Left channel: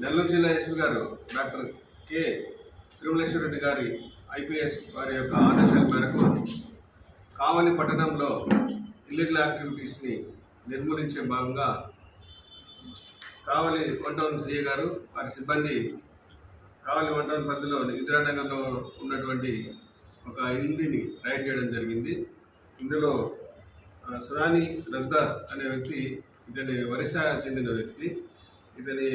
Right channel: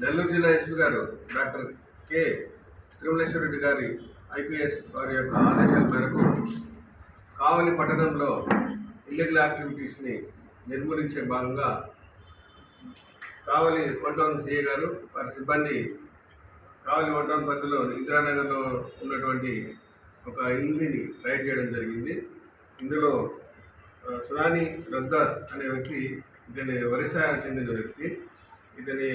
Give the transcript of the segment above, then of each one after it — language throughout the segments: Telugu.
నెల్లూరు జిల్లా ఎస్పీ గారు డాక్టర్ కె. తిరుమలేశ్వర రెడ్డి గారి ఐపీఎస్ వారి యొక్క ఆదేశాల మేరకు కావలి పట్టణంలో ఇల్లీగల్ యాక్టివిటీస్ని నిర్మూలించే భాగంగా కావలి వన్ టౌన్ సిఏ గారు వారి సిబ్బంది కావలి వన్ టౌన్ పరిధిలో ఇందిరానగర్లో ఉన్నటువంటి ఒక ఇల్లుని రైడ్ చేయడం జరిగింది. ఇందులో సునాని సురాని రద్దర్ అనే వ్యక్తి ఇతని ఒరిస్సా చెందిన వ్యక్తి ఇతని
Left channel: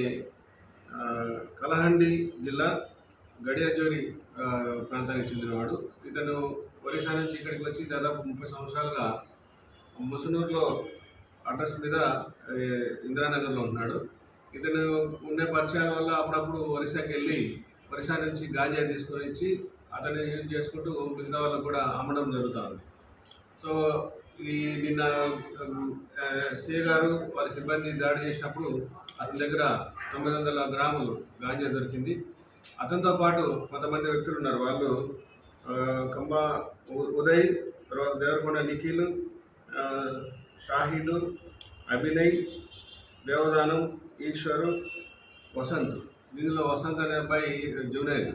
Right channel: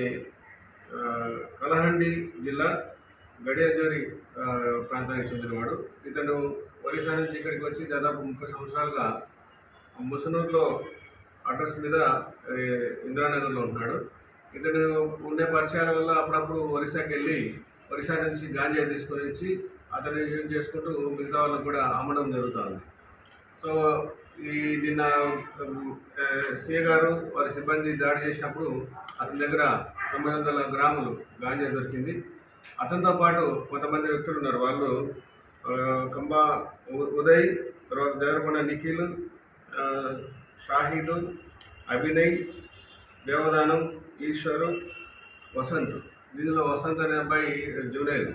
కలహండి జిల్లా గడియాజోరి ప్రాంతానికి చెందినవాడు. ఇతను ఒరిస్సా నుంచి ఇక్కడికి వచ్చి దాదాపు ముప్పై సంవత్సరాలుగా ముసునూరులో అడ్రస్ మీద ఇందిరానగర్లో ఉంటున్నాడు. ఇతను ఉండే పరిచయాల వల్ల అప్పుడప్పుడు ఒరిస్సాకి వెళ్ళి ఒరిస్సా నుంచి గాంజా తీసుకొని వచ్చి అతను యూజ్ చేసుకుంటూ మిగతా వాళ్ళకు కూడా అమ్మడం జరుగుతుంది. సో ఈ నిన్న సీఏ గారు వారి సిబ్బంది దాడి చేసినప్పుడు అతని దగ్గర తొమ్మిది వందల గ్రాములు గాంజా దొరికింది. అతనితో పాటు కొంతమంది వ్యక్తులు ఉన్నారు. వాళ్ళు కంబా ఉదయ్ తర్వాత దేవరకొండ నిఖిల్ షాహిద్ అభినయ్ దేవదానం ఈశ్వరు వసంత్. దీనిలో వసంత్ అనే అబ్బాయి జూనియర్.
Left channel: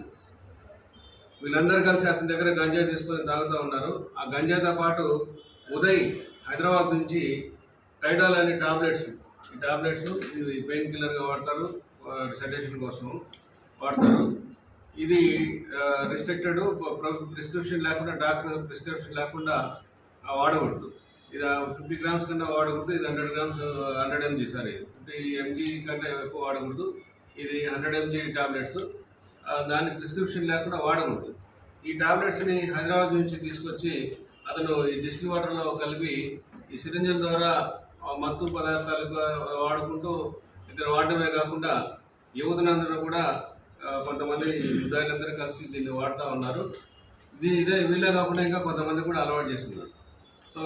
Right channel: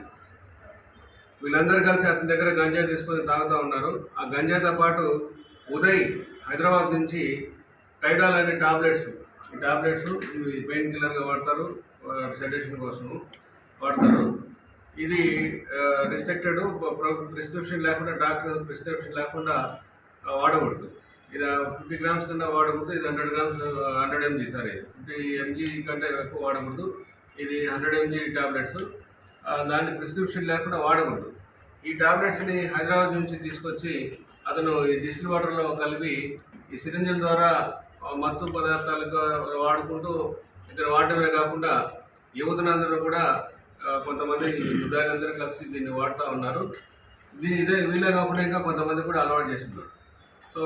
వీళ్ళందరూ కలిసి అతని దగ్గర గంజా తీసుకొని తాగుతూ ఉన్నారు. ఆ గంజాతో పాటు ఉదయ్ హైదరాబాద్ నుంచి టైడాల్ అనే టాబ్లెట్స్ ఈ టాబ్లెట్స్ పెయిన్ కిల్లర్గా వాడతారు సెడేషన్ కోసం వాడతారు. ఇది రిస్ట్రిక్టెడ్ ప్రిస్క్రిప్షన్ లేకుండా డాక్టర్ ప్రిస్క్రిప్షన్ లేకుండా వాడకూడదు. ఇది ఫిఫ్టీ గ్రామ్స్ కన్నా వాడకూడదు ఇది hundred grams hundred mg sorry. Fifty mg కంటే ఎక్కువ వాడకూడదు. ఇది హండ్రెడ్ ఎంజీ టాబ్లెట్స్. దాన్ని ప్రిస్క్రిప్షన్ లేకుండా వాడకూడదు. ఈ టాబ్లెట్స్ని హైదరాబాద్ నుంచి తీసుకొచ్చి అతను ఈ డిస్టిల్ వాటర్లో కలిపి ఈ సిరింజల ద్వారా మత్తు పదార్థాలు వాడుకుంటూ ఇద్దరు వాడటమే కాకుండా యువతనందరూ కూడా కొంతమంది వృద్ధాలందరూ కలిసి దీన్ని వాడుతూ ఉన్నారు. దీ ఇదే వీళ్ళే కాకుండా ఇంకా కొంతమంది కూడా అలవాటు చేస్తున్నారు. సో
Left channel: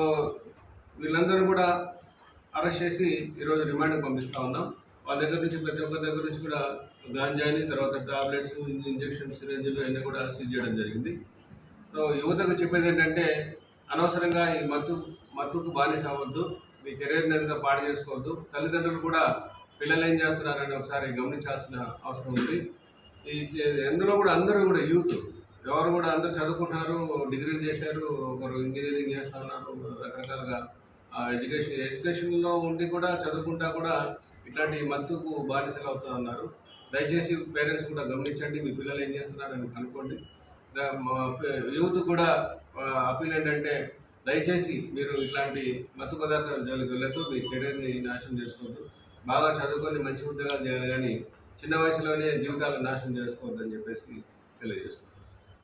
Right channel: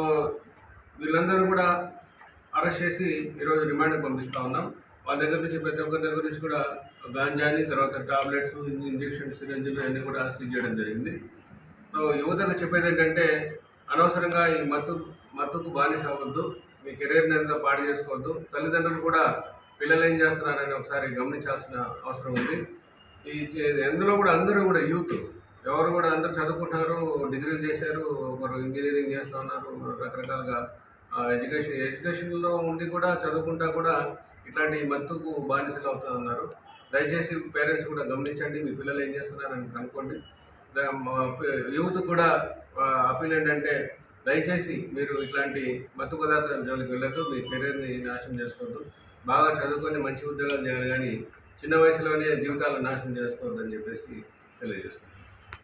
వీళ్ళందరూ కూడా అరెస్ట్ చేసి ఈరోజు రిమాండ్కి పంపిస్తూ ఉన్నాం. వాళ్ళ దగ్గర నుంచి ప్రతి ఒక్కరి దగ్గర నుంచి కూడా గాంజాని తర్వాత టాబ్లెట్స్ ఇంజెక్షన్స్ సిరంజులు అన్నీ కూడా సీజ్ చేయడం జరిగింది. సో యువతకు చెప్పేది ఏంటంటే అనవసరంగా ఈ మత్తు మత్తుకు బానిస అవ్వద్దు. మీ కెరీర్ని ఎంత పాడు చేసుకోవద్దు. తల్లిదండ్రులు కూడా పిల్లలు ఏం చేస్తున్నారని ఒకసారి గమనించాల్సిన అవసరం ఉంది. ఈ ఎందులో కూడా అందరూ కూడా యూత్ ఎవరు కూడా అందరూ చదువుకుంటున్నారు డిగ్రీలు చేశారు ఒకరు ఇంజనీరింగ్ చేస్తూ ఉన్నారు రకరకాలుగా. ఎడ్యుకేషన్ ఎడ్యుకేషన్లో ఉండి కూడా చదువుకుంటా కూడా ఇట్లాంటి మత్తుకు బానిసలు అవుతూ ఉన్నారు. దయచేసి పేరెంట్స్ కూడా గమనించండి మీ పిల్లలు ఏం చేస్తున్నారని కనుక్కోండి. మా యూత్ కూడా అప్పీల్ ఏంటంటే దయచేసి మీరు ఇట్లాంటి మత్తు పదార్థాల జోలికి వెళ్ళొద్దు మీ కెరీర్ని నాశనం చేసుకోవద్దు. బాగా చదువుకొని మంచి ఉద్యోగాలు చేయాలి కానీ చిన్న వయసులోనే జీవితాలను నాశనం చేసుకోవద్దని చెప్పేసి తెలియజేస్తున్నాను.